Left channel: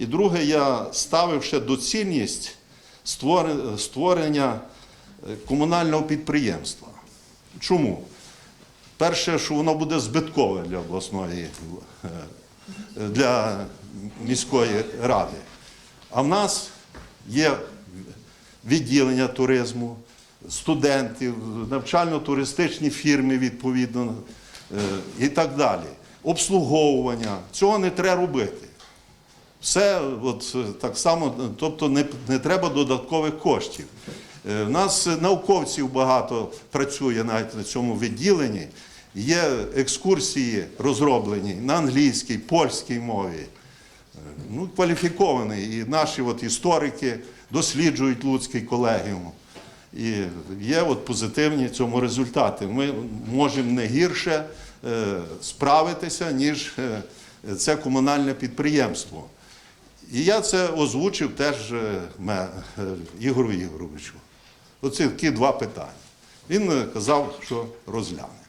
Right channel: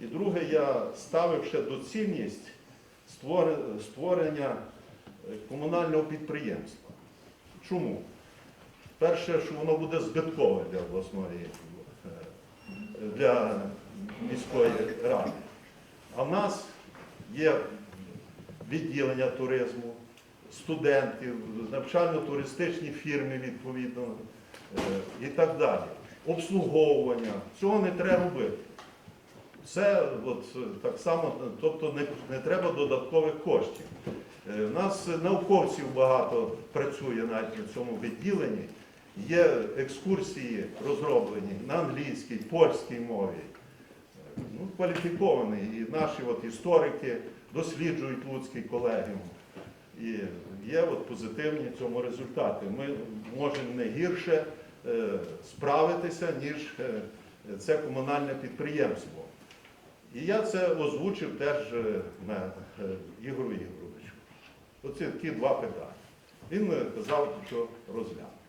І друге, я ставив ще доцільність створення е, комунального підприємства. Чому? Перше, що воно буде збиткове для обласної, е, для міської ради. А в нас є відділення туризму, студентів, навчально-туристичні фірми відповідно е, і так далі. Обслуговування. Цього не треба робити. Все от, е, так само, тобто не, не треба додаткових коштів. Е, У нас науковців багато працює навіть на цьому відділенні. Є екскурсії розроблені на англійській, польській мові. Е, Ну, кваліфіковані. І наші от історики досліджують Луцький колегіум. І є от позитивні цьому результати. Ми можемо не гірше е, справитися, ніж е, це комунальне підприємство. І я це озвучив теж е, е, Ігору Ігоровичу. Оці такі два питання. Він е, казав, що розгляне.